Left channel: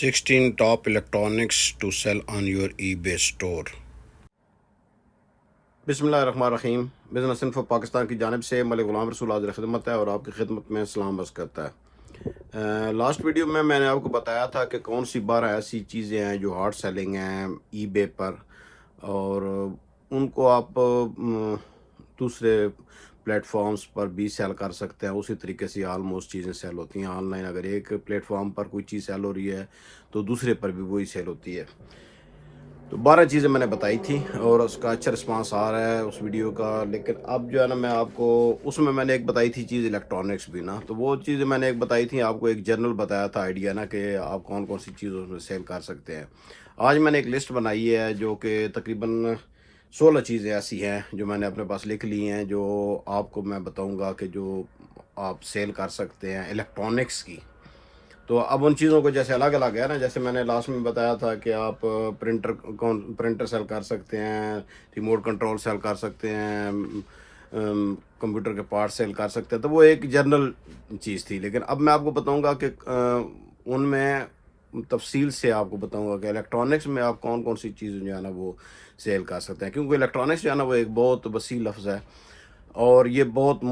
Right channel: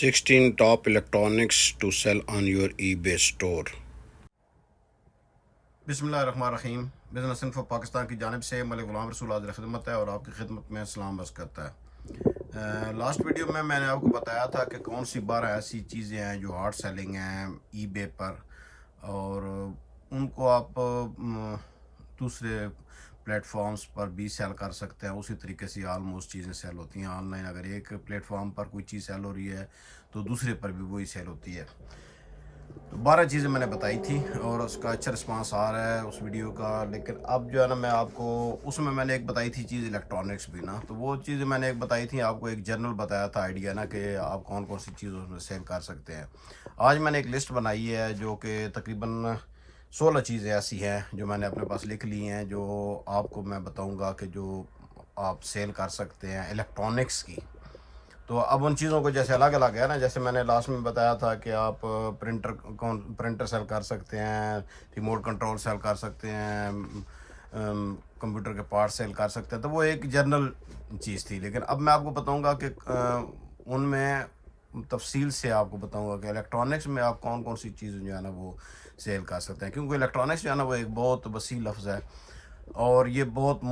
16 top electronics to sell on your eBay store. بسم اللہ الرحمن الرحیم. بزنس انفو پاکستان کی جانب سے ملک غلام رسول حاضر خدمت ہے اور آپ کی خدمت میں سلام بس کرتا ہے. لاسٹ ویڈیو میں نے آپ کو بتایا تھا کہ کون سی 12 ایسی چیزیں ہیں جو ہارڈ سیلنگ ہیں ای بے پر، اور ان کو آپ دوسرے پلیٹ فارمز پر بھی سیل کر سکتے ہیں. اسی طریقے سے آلموسٹ چیزیں سیل ہوتی ہیں آن لائن. اگر ایک پلیٹ فارم پر کوئی چیز سیل ہو رہی ہے تو دوسرے پر بھی وہی سیل ہوتی ہے. تو 12 چیزیں میں نے بتائی تھی اور اس کا اچھا رسپانس آ رہا ہے اس ویڈیو کا. لیکن اب جو ہے نا میں آپ کو اس میں نے ایک بتائی تھی چیز الیکٹرانکس بھی نا، تو وہ چیزیں میں نے ایک بتائی تھی آپ کو، ایک جنرل بتایا تھا آئیڈیا نا کہ آپ کون کون سی چیزوں میں سیل کر سکتے ہیں. آج میں نے ایک لسٹ بنائی ہے جو کہ تقریباً 16 چیزیں ایسی ہیں جو میں نے اپنے پاس لکھ لی ہیں، جو آپ کو میں بتاؤں گا کہ جو آپ سیل کر سکتے ہیں الیکٹرانکس کی. تو اب ان چیزوں کو جیسے الگ الگ ہے نا، جیسے میں نے لاسٹ میں بتایا تھا کہ آپ پرنٹر سیل کر سکتے ہیں، ریموٹ کنٹرول سیل کر سکتے ہیں، کمپیوٹر کے پارٹ سیل کر سکتے ہیں، تو وہ ایک جنرل چیز تھی. لیکن اب میں آپ کو بتاؤں گا کہ ان میں تفصیل سے آپ کو بتاؤں گا کہ الیکٹرانکس میں آپ کون کون سی چیزیں جو ہے نا وہ سیل کر سکتے ہیں. کیونکہ الیکٹرانکس جو ہے نا وہ ایک بہت وسیع لفظ ہے اور یہ بہت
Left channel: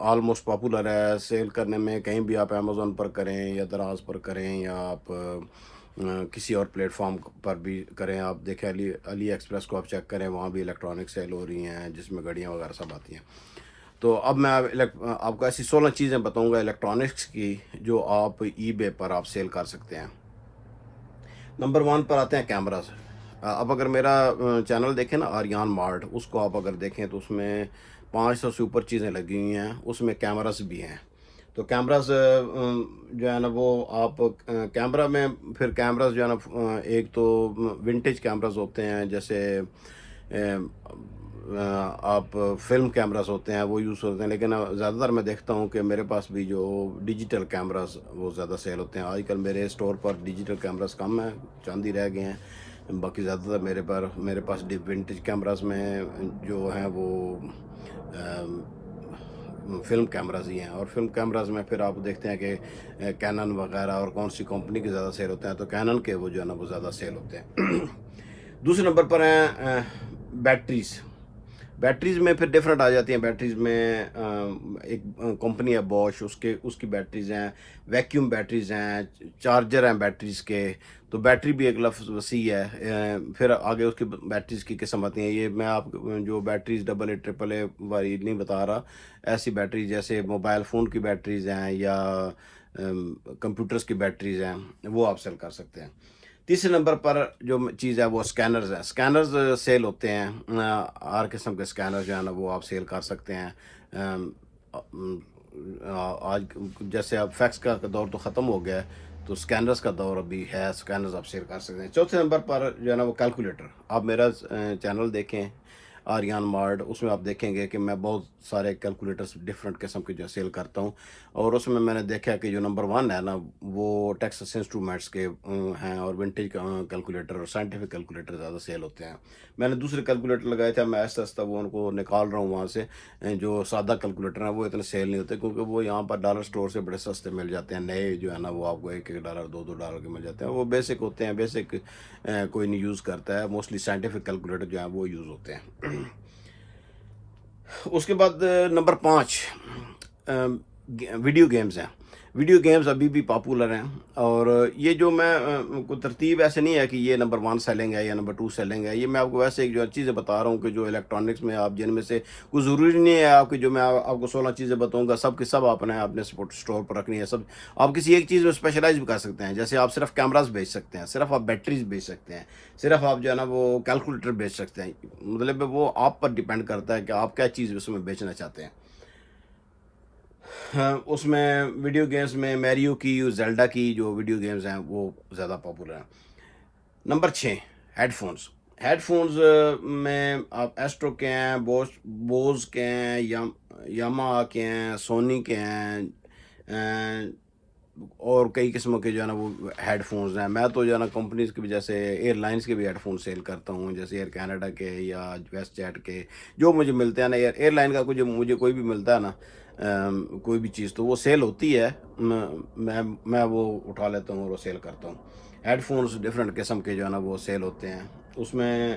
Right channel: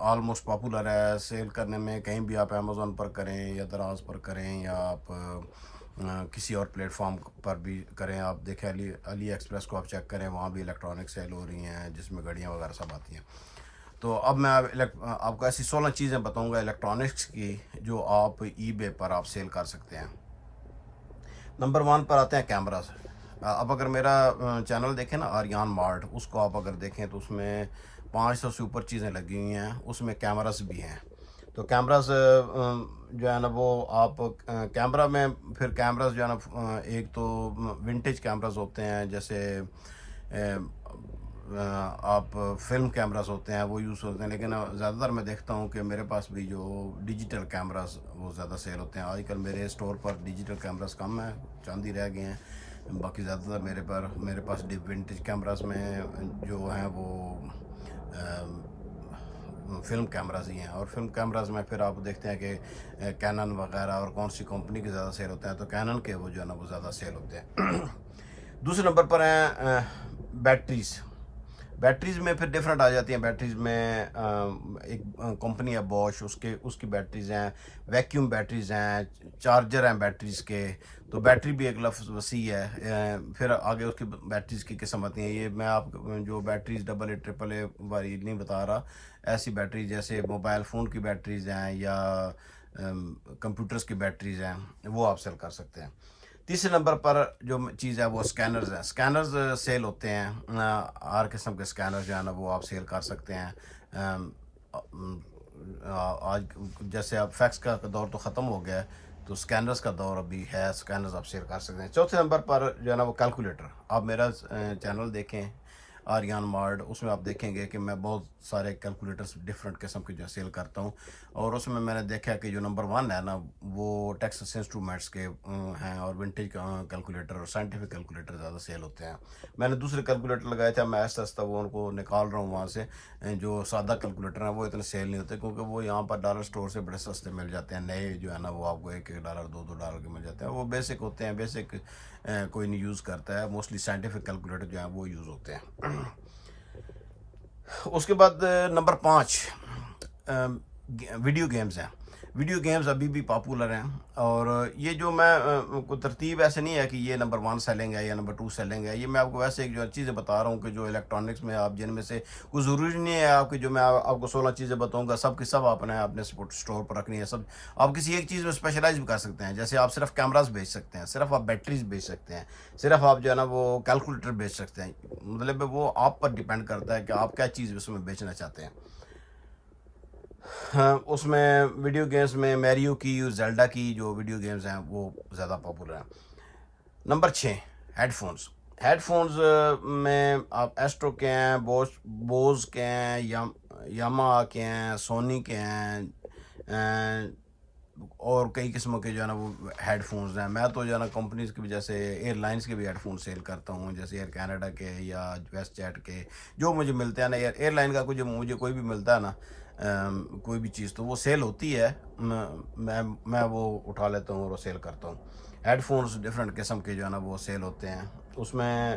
آلموسٹ پاپولر ہے سیل کرنے میں. کہیں بھی آپ امیزون پر کریں یا دراز پر کریں یا آپ کسی اور پلیٹ فارم پر بھی کریں، آپ دیکھیں علی ایکسپریس کو آپ چیک کریں، وہاں بھی الیکٹرانک سیل ہو رہی ہیں جس میں گھڑیاں وغیرہ سب آتی ہیں. تو اب میں آپ کو ایسی 16 چیزیں بتاؤں گا الیکٹرانکس کی جو آپ ای بے پر آپ سیل کر سکتے ہیں. نمبر 1 پر آتے ہیں کیمراز. اب اگر میرا چینل دیکھیں نا آریان مارٹ، اس کو آپ اگر دیکھیں تو اس میں 500 سے اوپر چیزیں لگی ہوئی ہیں، اس میں کیمراز بھی ہیں. تو کیمراز جو ہے نا وہ آپ کیمرہ میں پھر کیمراز جو ہے نا ایک تو ونٹیج کیمراز ہوتے ہیں، جیسے آپ فلم کیمراز ہوتے ہیں وہ یوز ہوتے ہیں. لیکن زیادہ تر میں دیکھتا ہوں کہ میرے پاس بھی جو ڈیجیٹل کیمراز وہ زیادہ سیل ہوتے ہیں. آج کل میرے اسٹور پر ڈیجیٹل کیمراز کم ہیں، چند ہی رہ گئے ہیں. باقی زیادہ تر میرے پاس ونٹیج کیمراز میں جو ہیں وہ فلم کیمراز ہی ہیں. اور فلم کیمراز میں پھر آپ دیکھتے ہیں کہ کینن وغیرہ اور کون سی کمپنی کے زیادہ سیل ہوتے ہیں، تو کینن کے وہ جو ہے نا وہ زیادہ سیل ہوتے ہیں. دوسرے نمبر پر ہیں بیٹریز میں پھر ڈیفرنٹ آ جاتی ہیں. بیٹریز میں ایک کمپنی ہے بوش، اس کی بیٹریز ہیں، ویکیوم بیٹریز ہیں، چارجر ہیں بیٹریز کے. تو بیٹری بھی ایک لفظ وسیع ہے. پھر آگے اس کی بیٹریز کی قسم آتی ہیں. یہ میں آپ جو بیٹریز AA AAA والی نہیں بتا رہا، ایسی بیٹریز جیسے موبائل فون کی بیٹریز ہیں یا کمپیوٹرز کی بیٹریز ہیں، وہ آپ سیل کر سکتے ہیں. تیسرے نمبر پر جو چیز ہے وہ سکینرز ہیں. سکینرز سیل ہوتے ہیں، ہر قسم کے سکینر جو ہے نا وہ آپ سیل کر سکتے ہیں. آج جیسے اب فیکس کا دور تو ختم ہو گیا ہے، تو سکینرز کا دور ابھی ہے، سکینرز آپ سیل کر سکتے ہیں. چوتھے نمبر پر جو ہے نا وہ کیلکولیٹر. آپ میرا چینل دیکھیں آریان مارٹ، اس میں آپ دیکھیں گے کہ میں بہت سارے کیلکولیٹرز ڈفرینٹ قسم کے جو سیل کرتا ہوں. اور اس میں نے دیکھا کہ جو نمبر 1 ہے نا وہ ٹیکسس انسٹرومنٹس کے ہیں، اور ونٹیج کیلکولیٹر اور سائنٹیفک کیلکولیٹر زیادہ سیل ہوتے ہیں. میں نے دوسرے کیلکولیٹر لگائے تھے، میں آہستہ آہستہ وہ ان کو نکال رہا ہوں وہاں سے. جو سادہ کیلکولیٹر ہیں وہ اتنے سیل نہیں ہوتے کیونکہ وہ یہاں پر ڈالر سٹور سے بڑے سستے مل جاتے ہیں. نئے جو ہے نا وہ آپ کو $1 $2 کے مل جاتے ہیں. وہ بیسک ہوتے ہیں، بیسک کوئی نہیں یوز کرتا ہے. موسٹلی سائنٹیفک کیلکولیٹر جو ہیں وہ یوز ہوتے ہیں. اس کے بعد نمبر 5 ویڈیو گیمز ہیں. ویڈیو گیمز ابھی بھی پاپولر ہیں، اور یہ جو میں کوئی ترتیب ایسے نہیں ہے کہ یہ نمبر 1 سیلنگ ہے یا نمبر 2 سیلنگ ہے. یہ میں آپ کو ویسے ایک جو چیزیں بتا رہا ہوں کہ جو الیکٹرانکس میں آپ جن میں سے کوئی ضروری نہیں ہے آپ کی، جو میں آپ کو 16 چیزیں بتاؤں گا سب کی سب آپ نے اپنے اسٹور پر رکھنی ہے. سب آپ کسی ایک چیز میں اسپیشلائز بھی کر سکتے ہیں. جیسے آپ صرف کیمراز بیچ سکتے ہیں، صرف آپ بیٹریز بیچ سکتے ہیں، صرف آپ جو ہے نا وہ کیلکولیٹر بیچ سکتے ہیں. مطلب وہ آپ پر ڈیپینڈ کرتا ہے کہ آپ کیا چیز اس میں بیچنا چاہتے ہیں. اس میں ویڈیو گیمز میں میریو کی، زیلڈا کی جو ویڈیو گیمز ہیں وہ زیادہ پاپولر ہیں. Number 6 headphones. Headphones میں آپ ایسٹرو کے ہیں، بوز کے ہیں، یاما کے ہیں، سونی کے ہیں، اور کئی قسموں کے جو ہے نا وہ ہیڈ فونز ہیں. میں تو جو ہے نا کمپنیز کے بھی، جیسے ایئر لائنز کے بھی ہیڈ فون سیل کرتا ہوں، جیسے ایئر کینیڈا کے یا ویسٹ جیٹ کے جو مجھے ملتے ہیں نا. ایئر لائن کا مجھے کوئی بھی ملتا ہے نا کوئی بھی چیز تو وہ سیل ہوتی ہے، میں وہ اٹھا لیتا ہوں اور وہ سیل کرتا ہوں۔ ہیڈ فونز ڈفرینٹ قسم کے جو ہے نا وہ سیل ہوتے ہیں، اس میں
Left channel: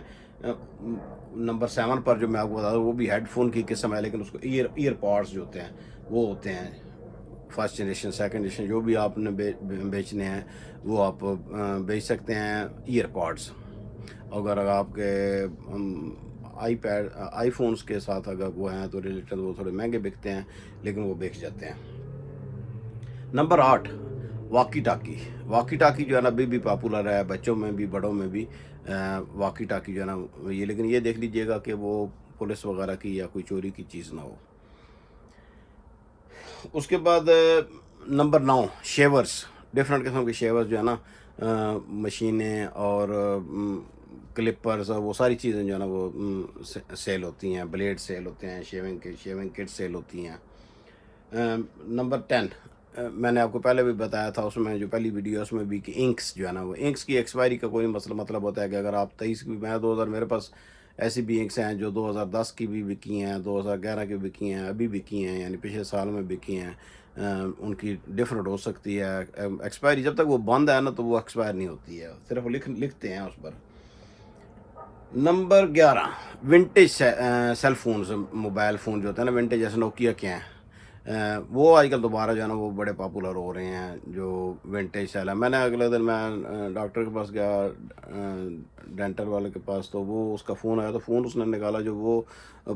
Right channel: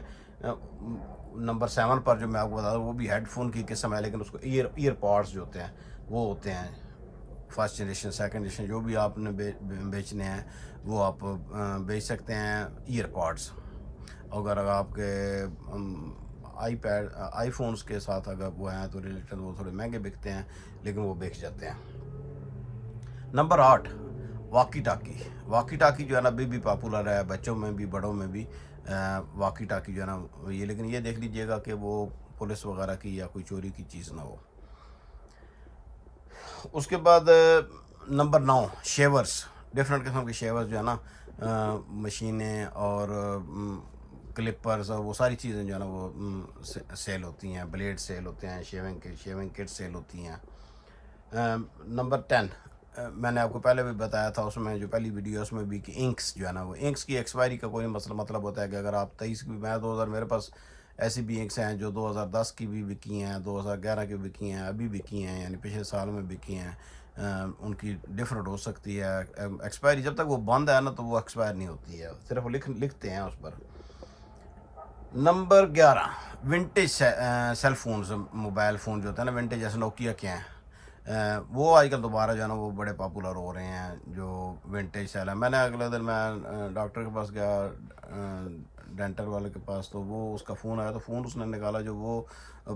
نمبر 7 پر جو میں آپ کو بتا دوں وہ بھی ہیڈ فون کی قسم ہے، لیکن اس کو ایئر پاڈس جو ہوتے ہیں وہ ہوتے ہیں فرسٹ جنریشن سیکنڈ جنریشن، جو بھی آپ نے بیچنے ہیں وہ آپ بیچ سکتے ہیں ایئر پاڈس۔ اگر آپ کے آئی فونز کے ساتھ اگر وہ ہیں تو ریلیٹڈ وہ تھوڑے مہنگے بکتے ہیں، لیکن وہ بیچ جاتے ہیں۔ Number 8 walkie talkie. Walkie talkie جو ہے نا ابھی بھی پاپولر ہے، بچوں میں بھی بڑوں میں بھی واکی ٹاکی جو ہے نا یہ، لیکن یہ دیکھ لیجئے گا کہ وہ پولیس وغیرہ کی یا کوئی چوری کی چیز نہ ہو۔ اس کے بعد نمبر 9 شیورز، ڈفرینٹ قسم کے شیورز جو ہے نا مشینیں اور کلپرز اور وہ ساری چیزیں جو ہے نا وہ سیل ہوتی ہیں، بلیڈ سیل ہوتے ہیں، شیونگ کٹ سیل ہوتی ہیں۔ نمبر 10 میں نے آپ کو پہلے بھی بتایا تھا اس میں جو پہلی ویڈیو اس میں بھی کہ انکس جو ہے نا وہ انکس کی ایکسپائری کا کوئی مطلب ہوتا ہے کہ اگر آپ 23 کی، میں 2000 میرے پاس ایسی بھی انکس ہیں جو 2010 کی بھی بکی ہیں، 2011 کی بکی ہیں، ابھی بکی ہیں، یعنی پچھلے سال میں بکی ہیں۔ ان کی ڈفرینٹ ہو سکتی ہے ایکسپائری، جب تک وہ بند ہے نا تو وہ ایکسپائر نہیں ہوتی ہے، صرف لکھتے ہیں اس پر۔ Number 11 vintage cell phones, mobile phone جو ہوتے ہیں نا ونٹیج، جیسے نوکیا کے ہیں، وہ آج کل دوبارہ جو ہے نا وہ بڑے پاپولر ہو رہے ہیں جو ونٹیج سیل ہے۔ میں نے اگلے دن میں ڈاکٹر کے پاس گیا، ڈینٹل والے کے پاس، تو وہ اس کا فون آیا تو فون اس نے نکالا جو وہ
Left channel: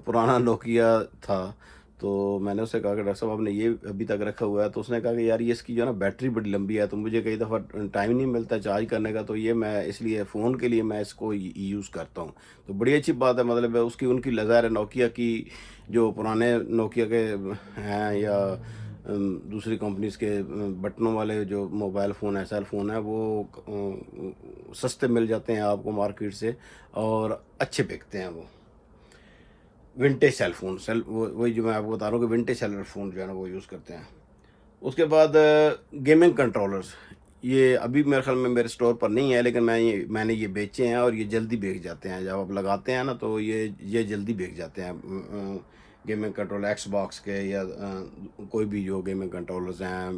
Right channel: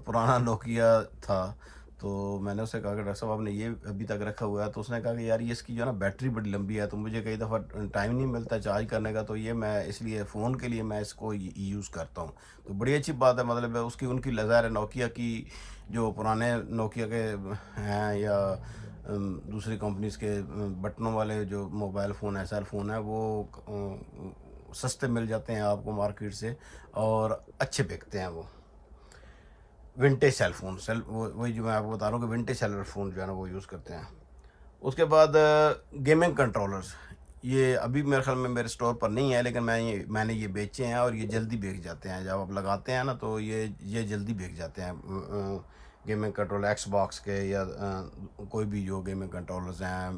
پرانا نوکیا تھا، تو میں نے اس سے کہا کہ ڈاکٹر صاحب آپ نے یہ ابھی تک رکھا ہوا ہے، تو اس نے کہا کہ یار یہ اس کی جو ہے نا بیٹری بڑی لمبی ہے، تو مجھے کئی دفعہ ٹائم نہیں ملتا چارج کرنے کا، تو یہ میں اس لیے فون کے لیے میں اس کو یوز کرتا ہوں۔ تو بڑی اچھی بات ہے، مطلب ہے اس کی ان کی ظاہر نوکیا کی جو پرانے نوکیا کے ہیں یا دوسری کمپنیز کے بٹنوں والے جو موبائل فون ہیں، سیل فون ہیں، وہ سستے مل جاتے ہیں آپ کو مارکیٹ سے اور اچھے بکتے ہیں وہ ونٹیج سیل فون، وہی جو میں آپ کو بتا رہا ہوں کہ ونٹیج سیل فون جو ہے نا وہ یوز کرتے ہیں۔ اس کے بعد گیمنگ کنٹرولرز، یہ ابھی میرے خیال میں میرے سٹور پر نہیں ہے، لیکن میں نے یہ بیچے ہیں اور یہ جلدی بیچ جاتے ہیں، جب آپ لگاتے ہیں نا تو یہ جلدی بیچ جاتے ہیں۔ گیمنگ کنٹرولر ایکس باکس کے یا کوئی بھی جو گیمنگ کنٹرولرز ہیں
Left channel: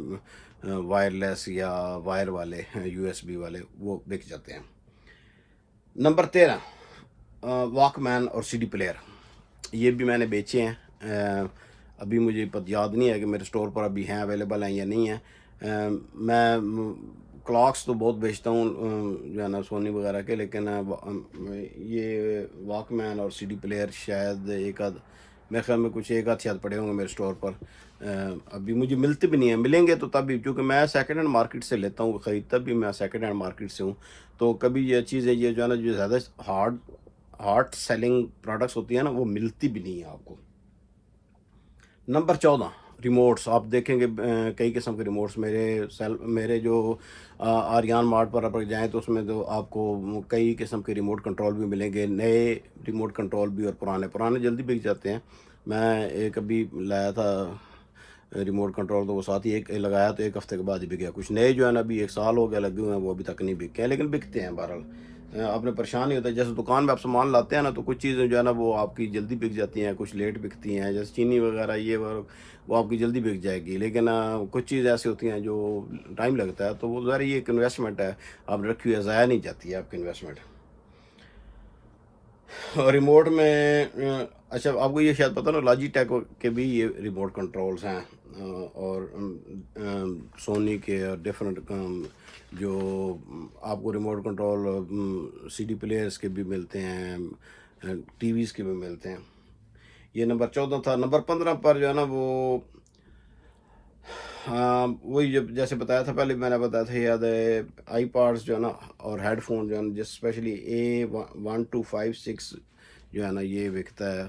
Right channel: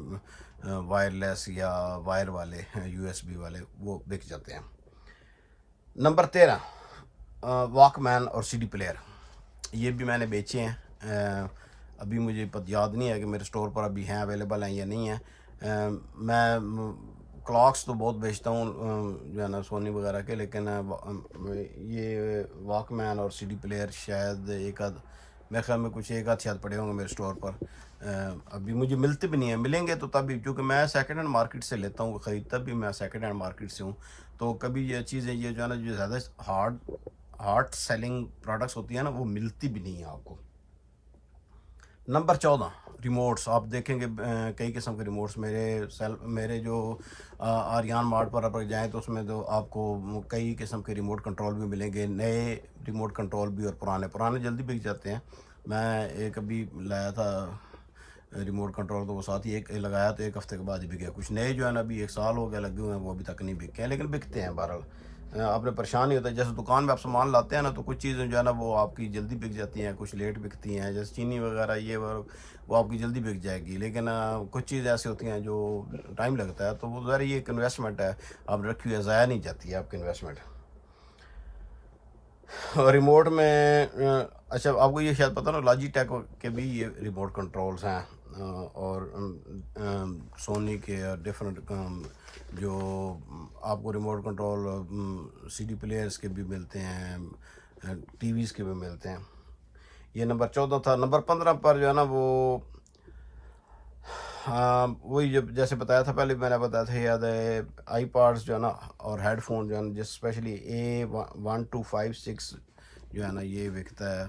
وائرلیس یا وائر والے USB والے، وہ بک جاتے ہیں۔ نمبر 13 واک مین اور CD پلیئر، یہ بھی میں نے بیچے ہیں، ابھی مجھے یاد نہیں ہے کہ میرے سٹور پر ابھی ہیں، اویلیبل ہیں یا نہیں ہیں۔ میں کلاکس تو بہت بیچتا ہوں جو ہے نا سونی وغیرہ کے، لیکن یہ واک مین اور CD پلیئر شاید میرے خیال میں کچھ ایک آدھ شاید پڑے ہوں گے میرے سٹور پر، ابھی مجھے ملتے بھی نہیں ہیں، ملیں گے تو تب، کیونکہ میں سیکنڈ ہینڈ مارکیٹ سے لیتا ہوں، خریدتا بھی میں سیکنڈ ہینڈ مارکیٹ سے ہوں، تو کبھی یہ چیزیں یہ جو ہے نا جو زیادہ ہارڈ سیلنگ پروڈکٹس ہوتی ہیں نا وہ ملتی بھی نہیں ہیں آپ کو۔ نمبر 14 ریموٹس، آپ دیکھیں گے کئی قسم کے ریموٹس میرے جو آریان مارٹ پر آپ جائیں تو اس میں تو آپ کو کئی قسم کے ریموٹ کنٹرول بھی ملیں گے، نئے ریموٹ کنٹرول بھی اور پرانے جلدی بک جاتے ہیں۔ میں ایک ابھی لایا تھا ریموٹ کنٹرول، تو وہ ساتھ ہی ایک لگایا تو ایک ہفتے کے بعد ہی بک گیا۔ کچھ نئے جو ہے نا ابھی 1 سال ہو گیا لگے ہوئے ہیں، وہ ابھی تک نہیں بکے ہیں، لیکن بکتے ہیں بہرحال۔ آپ نے پریشان نہیں ہوتا، جیسے دکان میں آپ سامان لاتے ہیں نا تو کچھ چیزیں جو ہے نا وہ آپ کی جلدی بک جاتی ہیں، کچھ لیٹ بکتی ہیں، جیسے چینی وغیرہ یہ وہ آپ کی جلدی بک جائے گی، لیکن کچھ چیزیں ایسی ہوتی ہیں جو ٹائم لگتا ہے، تو وہ ظاہر یہ ایک انویسٹمنٹ ہے، آپ رکھی ہوئی ضائع نہیں جاتی ہے آپ کی انویسٹمنٹ۔ ریموٹ میں اچھا آپ کو یہ شاید پتہ نا لاجی ٹیک کے بھی یہ ریموٹ کنٹرولز ہیں، اور سونی کے ڈفرینٹ جو آپ کو ریموٹ کنٹرول CD پلیئرز کے بھی ملتے ہیں، ٹی ویز کے بھی ملتے ہیں۔ یہ نمبر 14 تھا۔ نمبر 15 پر جو ہے نا وہ وہی جیسے بتایا تھا پہلے، میں نے بتایا تھا یاد ہے، آئی پاڈس جو ہے نا اور ہیڈ فون جو ہے نا، جس اسپیشلی A1256 جو ہے نا یہ بکتا ہے،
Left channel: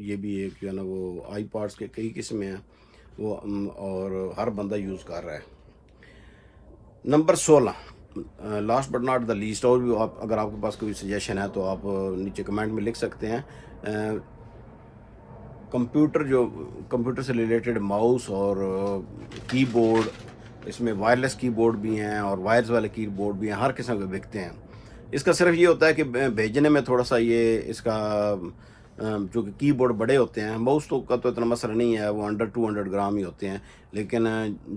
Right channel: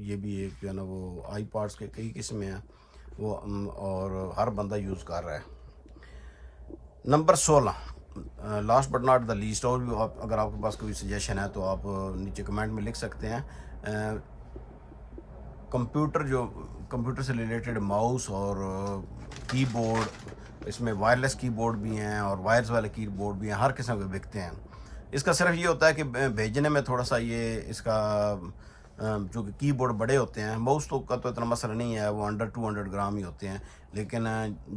یہ بھی ایک جو ہے نا وہ آئی پاڈس کے کئی قسمیں ہیں وہ، اور ہر بندہ یوز کر رہا ہے۔ Number 16 last but not the least, اور بھی اگر آپ کے پاس کوئی سجیشن ہے تو آپ نیچے کمنٹ میں لکھ سکتے ہیں۔ کمپیوٹر سے ریلیٹڈ ماؤس اور کی بورڈ، اس میں وائرلیس کی بورڈ بھی ہیں اور وائرز والے کی بورڈ بھی ہیں، ہر قسم کے بکتے ہیں۔ اس کا صرف یہ ہوتا ہے کہ بھیجنے میں تھوڑا سا یہ اس کا جو کہ کی بورڈ بڑے ہوتے ہیں، ماؤس کا تو اتنا مسئلہ نہیں ہے، وہ انڈر 200 گرام ہی ہوتے ہیں، لیکن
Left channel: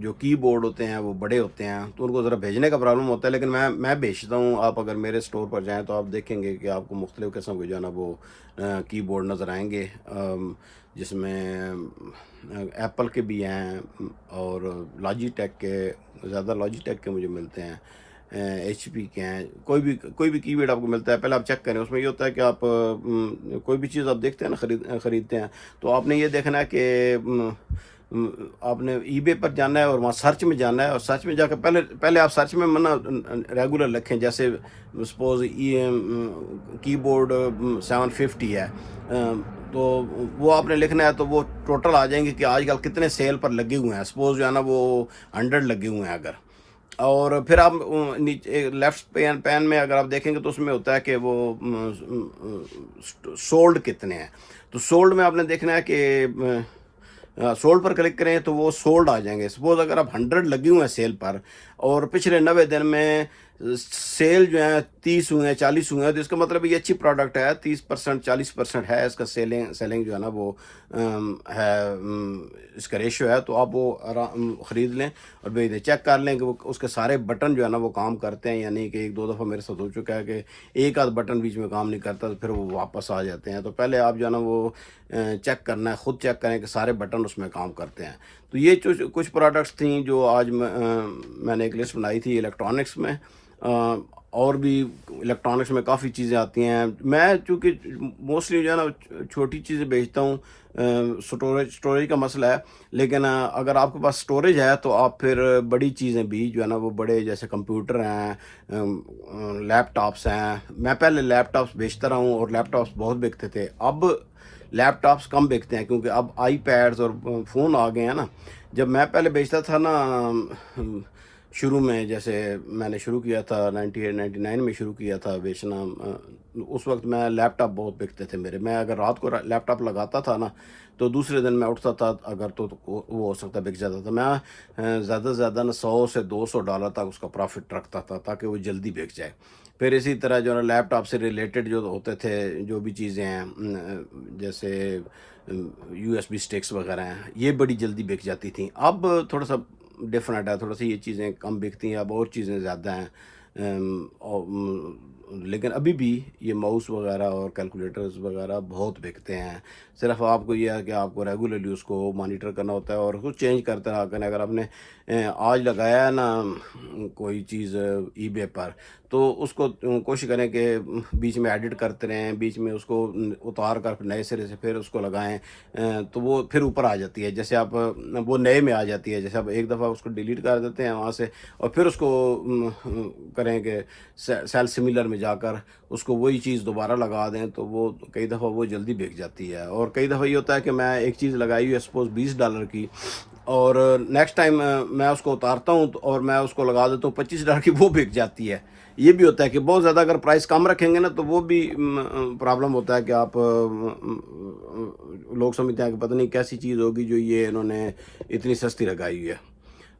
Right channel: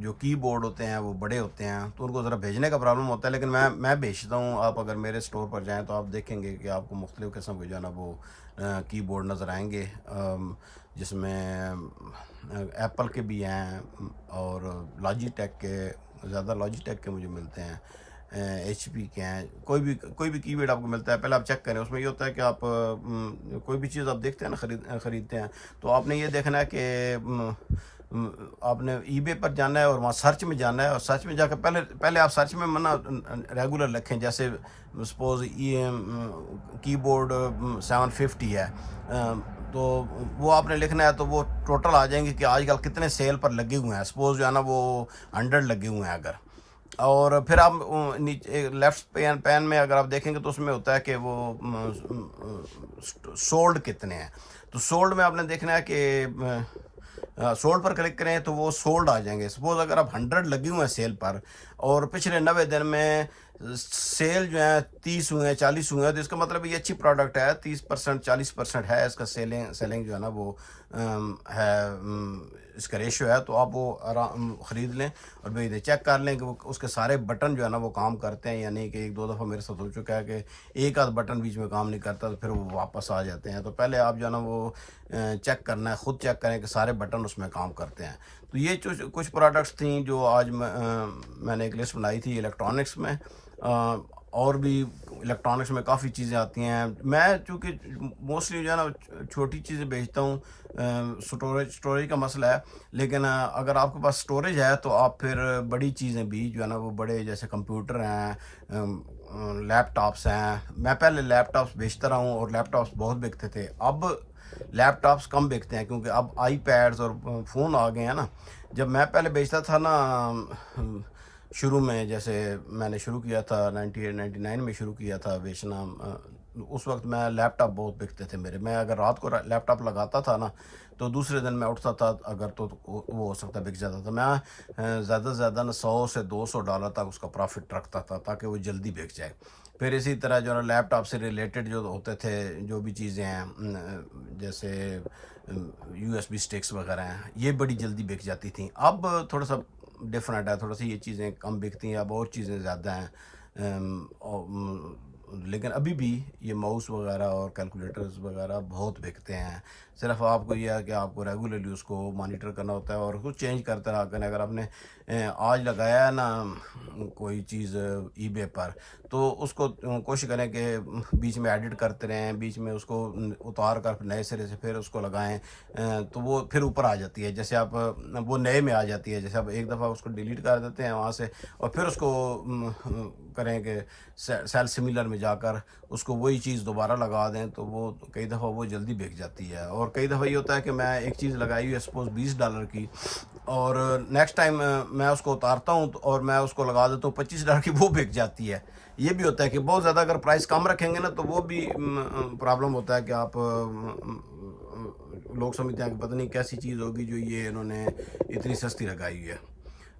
جو کی بورڈ ہوتے ہیں وہ بڑے ہوتے ہیں تو ان کو ذرا بھیجنے کا پرابلم ہوتا ہے، لیکن میں بھیجتا ہوں. آپ اگر میرے اسٹور پر جائیں تو آپ دیکھیں گے کہ آپ کو مختلف قسم کے جو ہے نا وہ کی بورڈ نظر آئیں گے، جس میں ایپل کے بھی ہیں اور لاجی ٹیک کے، زیادہ لاجی ٹیک کے مجھے ملتے ہیں، ایچ پی کے ہیں، کوئی بھی کی بورڈ آپ کو ملتا ہے. پہلے آپ چیک کریں. اس میں یہ ہوتا ہے کہ آپ کوئی بھی چیز آپ دیکھتے ہیں نا، خریدتے ہیں تو آپ نے یہ دیکھنا ہے کہ آپ نے ای بے پر جانا ہے اور وہاں سرچ میں جانا ہے، اور سرچ میں جا کے پہلے آپ سرچ میں ریگولر لکھیں. جیسے سپوز کی بورڈ 750 ہے، تو وہ آپ نے لکھنا ہے تو وہ ٹوٹل آ جائیں گے کہ آج کل کتنے سیل پر لگے ہوئے ہیں. سپوز جو ہے نا وہ 100 لگے ہوئے ہیں اگر، اور پھر آپ نیچے لیفٹ پین میں اگر آپ دیکھیں گے تو اس میں ہوتا ہے کہ وہ سولڈ کتنے ہیں. تو سولڈ میں آپ نے دیکھنا ہے کہ سولڈ پر کلک کریں تو وہ سولڈ آ جائیں گے. سپوز اگر آپ 100 لگے ہوئے ہیں سیل پر اور پچھلے 90 دن میں سیل جو ہیں 30 ہوئے ہیں، 40 ہوئے ہیں، تو اس کا مطلب یہ اچھی پروڈکٹ ہے. 30% 40% ہے اس کا سیلنگ جو ہے نا وہ ہے، اس کا ریشو ہے. تو آپ وہ خرید لیں اور بھیج دیں. چیک کر لیں کہ وہ اس کے سارے بٹن جو ہے نا وہ کام کرتے ہیں، یعنی کہ 1-2 دفعہ میرے ساتھ ہو چکا ہے کہ ایک آدھ بٹن بیچ میں کام نہیں کرتا تو پھر وہ واپس آ جاتے ہیں. تو پہلے آپ جو ہے نا وہ چیک کرنا ہے، خود چیک کریں کہ سارے بٹن اس میں کام کرتے ہیں. تو یہ کچھ پروڈکٹس تھیں جو آج میں نے ایک لسٹ بنائی تھی الیکٹرانکس میں. اور بھی الیکٹرانکس میں کافی چیزیں آتی ہیں. میں چونکہ موسٹلی جو ہے نا چھوٹی چیزیں بیچتا ہوں، سٹوریج کا مسئلہ ہے، لیکن اگر آپ کے پاس سٹوریج ہے تو آپ پھر بڑی چیزیں بھی جو ہے نا وہ بڑے، جیسے کمپیوٹر ہیں، لیپ ٹاپس ہیں. میں پہلے لیپ ٹاپس بیچتا رہا ہوں اور لیپ ٹاپس بہت بکتے تھے. اب لیپ ٹاپس کم بکتے ہیں کیونکہ اب آئی پیڈز اور فون آ گئے ہیں نا. جب میں پہلے بیچتا تھا نا شروع میں، جیسے میں نے شروع کیا تھا 98-99 میں شروع کیا تھا بیچنا، اس وقت میں لیپ ٹاپ بہت بکتے تھے میرے. میں اگر رات کو لیپ ٹاپ لگاتا تھا نا تو دوسرے دن میں اٹھتا تھا اگر تو وہ ہو سکتا بک جاتا تھا. میں زیادہ سے زیادہ نا $100 سے $200 تک اس کا پروفٹ رکھتا تھا تاکہ وہ جلدی بک جائے. پھر اسی طرح جو ہے نا لیپ ٹاپ سے ریلیٹڈ جو ہوتے تھے، جو بھی چیزیں ہیں، جیسے USB اسٹکس وغیرہ ہیں، یہ بڑی جلدی بک جاتی تھیں. اب تھوڑا سا ڈفرینٹ ہے، تھوڑا سا یہ چیزیں کم بکتی ہیں، اب اور چیزیں زیادہ ہیں. لیکن ابھی بھی یہ ماؤس وغیرہ اور کیلکولیٹرز وغیرہ بہت بکتے ہیں. صرف آپ کو یہ ہے کہ آپ کو ریگولرلی اس کو مانیٹر کرنا ہوتا ہے اور اس کو چینج کرتے رہا کریں. اگر آپ نے آج لگایا ہے نا کوئی چیز ای بے پر، تو اس کو کوشش کریں کہ بیچ میں ایڈٹ کرتے رہیں، بیچ میں اس کو اتار کر نئے سرے سے پھر اس کو لگائیں، تو وہ پھر اوپر آ جاتی ہے. جیسے آپ وہ نئے میں آ جاتی ہے. جیسے آپ ایک دفعہ اس کو ڈیلیٹ کر دیتے ہیں وہاں سے اور پھر اس کو کریں کہ سیل سملر میں جا کر اس کو وہی چیز دوبارہ لگا دیں، تو وہ کئی دفعہ وہ جلدی بک جاتی ہے. اور کئی دفعہ یہ ہوتا ہے کہ میں ایک چیز لگائی ہوئی ہے سپوز $20 کی، اور نیکسٹ ٹائم میں اس کو اتارتا ہوں اور میں اس کو لگا دیتا ہوں $25 کی، وہ بک جاتی ہے. یہ بھی ہوتا ہے کہ بہت زیادہ اگر پرائس کم رکھیں گے نا تو وہ بھی پرابلم ہوتا ہے کہ آپ لوگ سمجھتے ہیں کہ پتہ نہیں کیسی چیز ہوگی جو یہ انہوں نے اتنی سستی لگائی ہوئی ہے.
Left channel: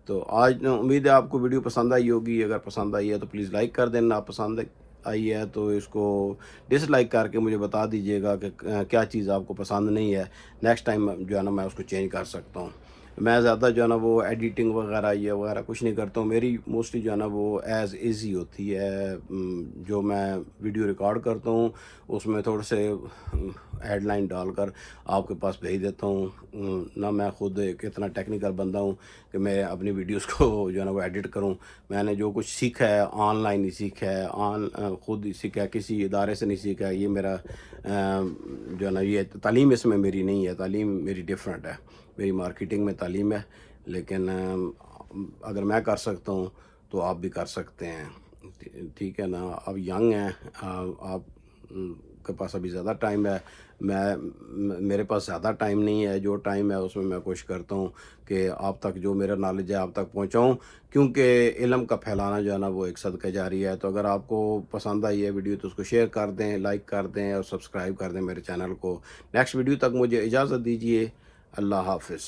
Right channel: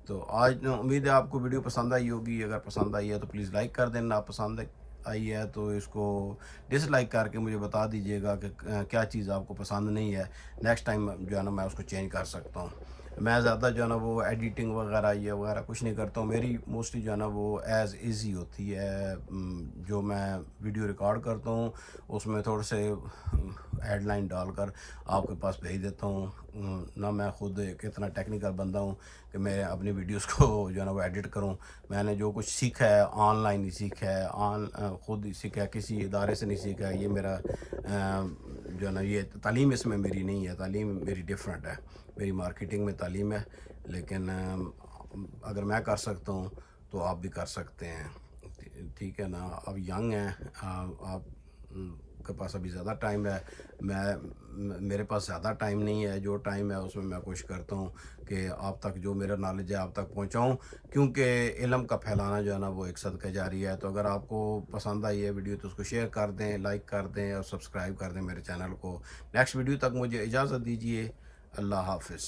تو آج امید ہے آپ کو ویڈیو پسند آئی ہوگی. اگر پسند آئی ہے تو پلیز لائک کر دینا. پسند آئی ہے تو اس کو ڈس لائک کر کے مجھے بتا دیجیے گا کہ کیا چیز آپ کو پسند نہیں ہے. نیکسٹ ٹائم جو ہے نا میں اس کو چینج کر سکتا ہوں. میں زیادہ جو ہے نا وہ ایڈیٹنگ وغیرہ یہ وغیرہ کچھ نہیں کرتا ہوں. میری موسٹلی جو ہے نا وہ ایز ایزی ہوتی ہے. جو میں ویڈیو ریکارڈ کرتا ہوں اس میں تھوڑے سے ہیڈ لائن ڈال کر آپ کے پاس بھیج دیتا ہوں. نہ میں خود ایک اتنا ٹیکنیکل بندہ ہوں کہ میں اپنی ویڈیوز کو جو ہے نا وہ ایڈٹ کروں. میں نے جو کچھ سیکھا ہے آن لائن ہی سیکھا ہے، خود ہی سیکھا ہے، کسی ادارے سے نہیں سیکھا ہے. یہ میرا جو ہے نا یہ تعلیم اس میں میری نہیں ہے، تعلیم میری ڈفرینٹ ہے. میری مارکیٹنگ میں تعلیم ہے، لیکن اگر میں کر سکتا ہوں تو آپ بھی کر سکتے ہیں. ٹھیک ہے نا. آپ ینگ ہیں، آپ کے پاس ابھی زیادہ ٹائم ہے. میرے پاس زیادہ ٹائم نہیں ہے. جو ٹائم ہے اس میں میں کوشش کرتا ہوں کہ آپ تک جو میرا نالج ہے آپ تک پہنچاؤں، کیونکہ علم کا پھیلانا جو ہے نا وہ ایک صدقہ جاری ہے. تو اگر آپ کو پسند آئی ہے ویڈیو تو اس کو شیئر کر دیں، لائک کر دیں اور سبسکرائب کر دیں میرے چینل کو. نیکسٹ ویڈیو تک مجھے اجازت دیجیے. اللہ حافظ.